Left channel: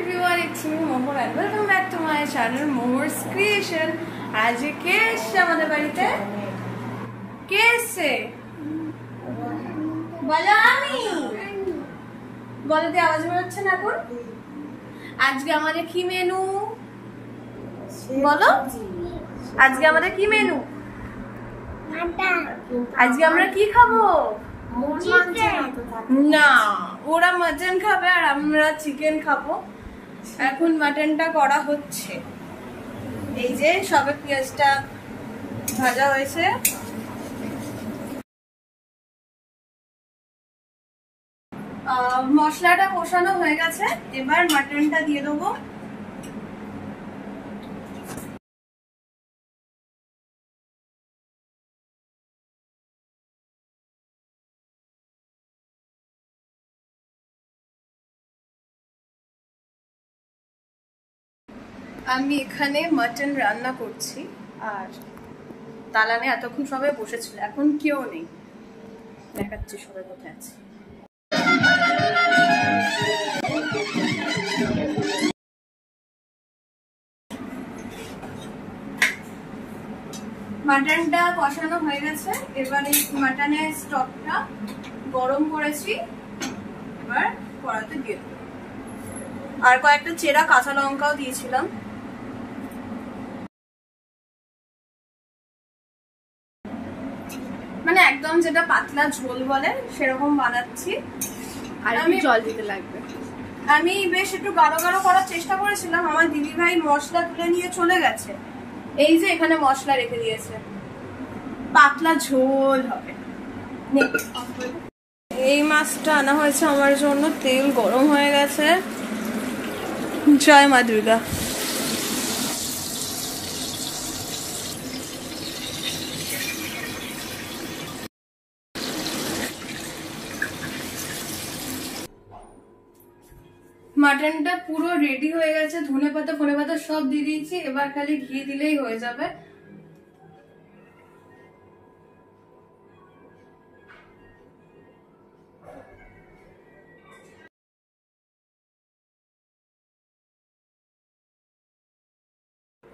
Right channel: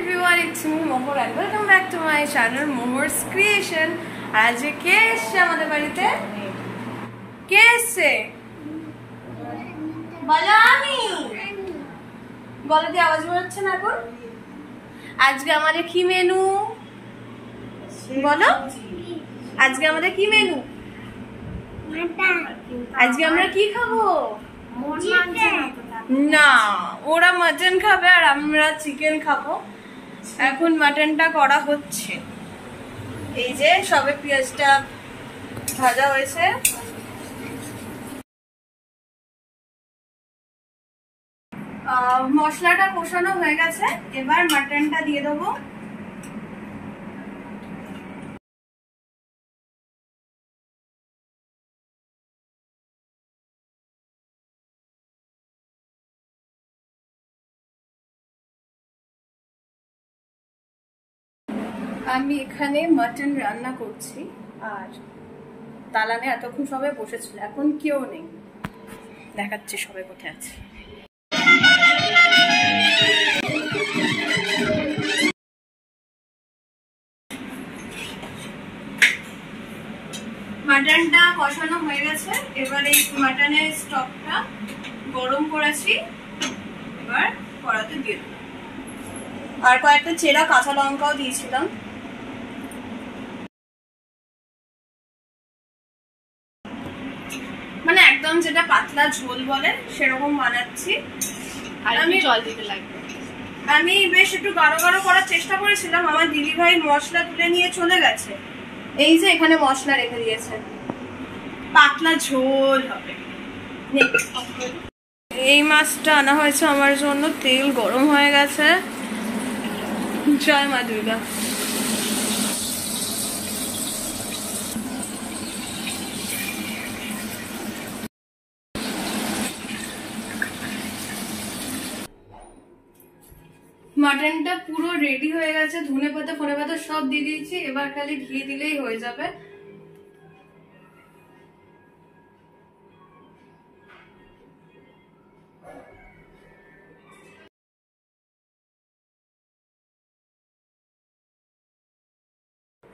everyone, it's me Mohor and welcome back to my channel Mohor's Creation. आज কে এসেছে আমাদের বাড়িতে? কে এসেছে? বলো আমি। গলাতে আওয়াজ বেরোচ্ছে না এখন? আজকে আমাদের কি মেনু? বলো। আজকে আমাদের কি মেনু? আজকে আমরা কি খাবো? না, ওরা মাটন খাবে আর আমরা চিকেন খাবো। এখন মাটনটা করা হচ্ছে। এই যে সবে পেঁয়াজটা ভাজা হয়েছে। মশলাটা কষানো হয়ে গেছে, এবার মাটনটা দিয়ে দেবো। আমি এখানে মাটন রান্না করছি আর দালানে এতক্ষণ সবাই বসেছিল, এখন কেউ নেই। দেখাচ্ছি সবাই কোথায় আছে। মাটনটা কষানো হয়ে গেছে, এবার এই মাটনের স্টকটা গরম করেছি, এবার কড়াতে দিয়ে দেবো। আর কয়েকটা চেরা কাঁচা লঙ্কাও দিয়েছিলাম। মানে একদম যেটা পাতলা ঝোল বলে সেরকম বানাচ্ছি। আর আমি জল দিতে লাগবে। আমি বেশ একটু গাঢ় গাঢ় করার চেষ্টা করেছিলাম, আমার দিদি ভাই মশলা তুলে নিয়ে চলে গেছে। এই যে এখানে মশলা রেখে দিয়েছে, পাতলা ঝোল হবে। এই মাছটা আনা হয়েছে আমার জন্য, তেল গরম হয়ে গেছে। জয় মা দুর্গা। মাটনটা পুরো রেডি হয়ে গেছে, ধনে পাতা ফোনে পাতা সব দিয়ে দিয়েছি, এবার খালি ঘি দিলেই হয়ে যাবে।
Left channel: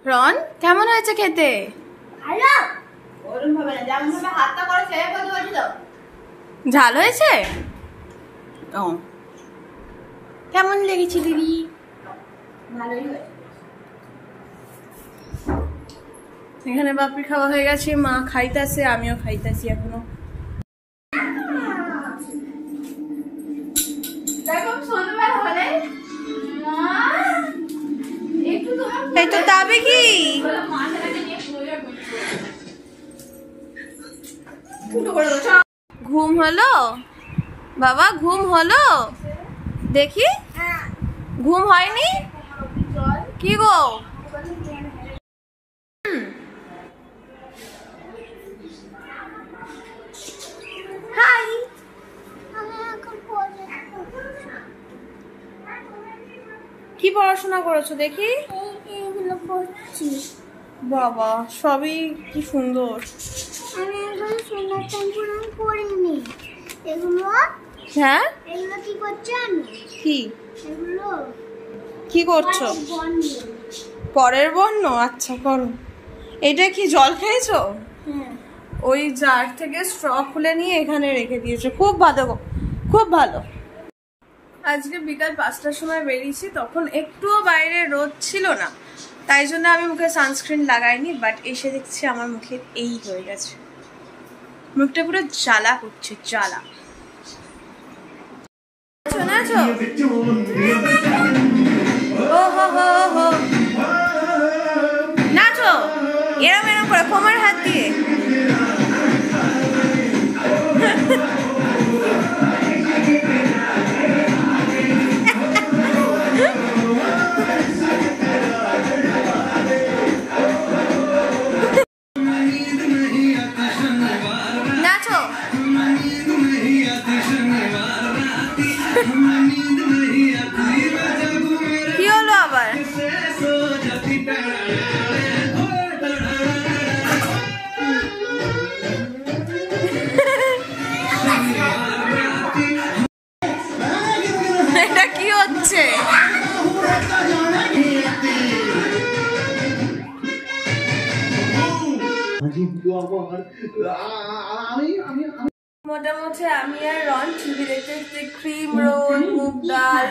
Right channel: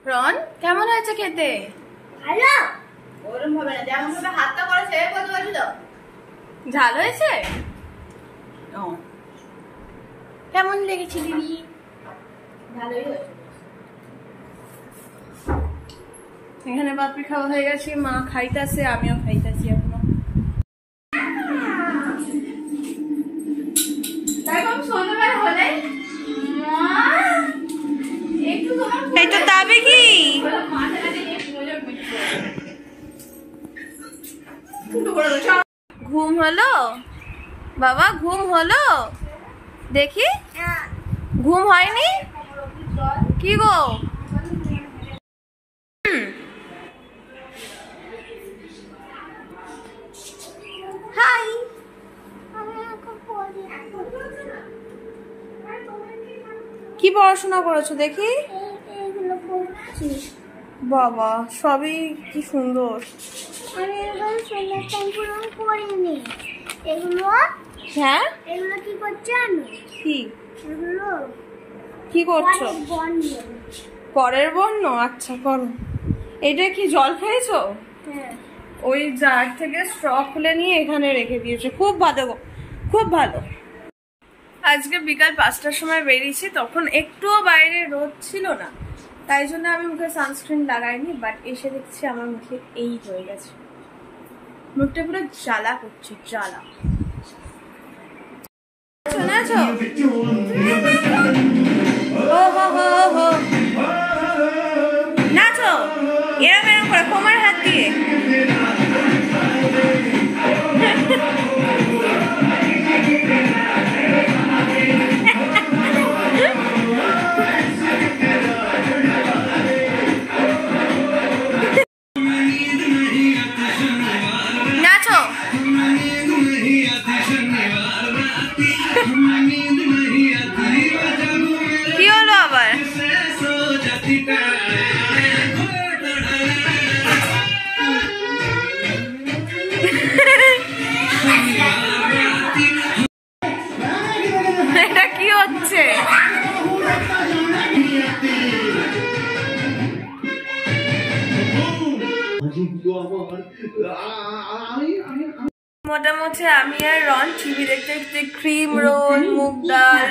রন, কেমন হয়েছে খেতে? ভালো। ওরকম ভাবে না, যেমন ভাবে হাতটা করে সেভাবে করতে পারছি তো। ঝাল হয়েছে? ও, কেমন লেগেছে দিদি? ভালোই হয়েছে। এখানে বাপি খাওয়া হয়ে গেছে, মা খাইতেছে, আমিও খাইতেছি এখনো। এটা দাবি কি? ঘুম হলো বাবা? ঘুম হলো? দেখি ঘুম হয়নি কি গো? হাই, কি পড়াশোনা করেছো দেখি? বাবা, সবই কি সুন্দর। হ্যাঁ, কি করছো? পরের বর্ণ? আচ্ছা করো। এটা কি জল খেয়েছো? ওই জার থেকে স্ট্র খুলে নিয়ে এখানে রেখে দিয়েছো, খুব ভালো, খুব ভালো। আজকে বিকাল 5টার সময় বেরিয়েছি, তখন একটুও বাইরে রোদ ছিল না, তাই জন্য আমি মুখে সানস্ক্রিন লাগাইনি। বাট এসে দেখছি আমার মুখে এই হয়ে গেছে, মুখটা পুরো জ্বালা করছে, জ্বালা। শোনাছো? ও হো হো হো, নাচো এরম এরম করে কোমর হাত দিয়ে। নাচো। কি হলো আবার? মোটামুটি আমি আর রন টিভি দেখতে দেখতে ক্রিম রোল, মুগ ডাল,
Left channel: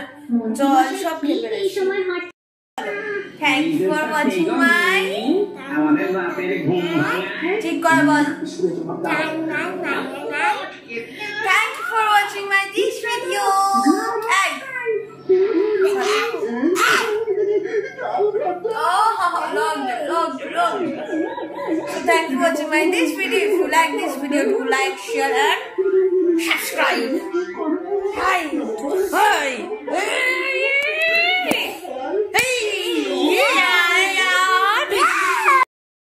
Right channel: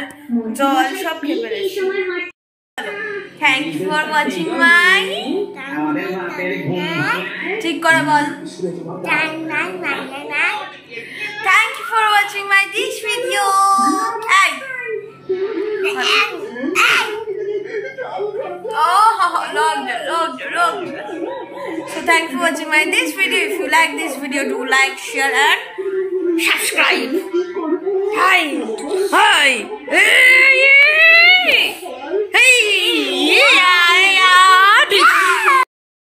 জল সব খেয়ে ফেলেছি। Thank you for watching my, ঠিক করে বল, thank you for watching my this video. So thanks for watching my this video. If you like this video, do like, share and subscribe. Hi.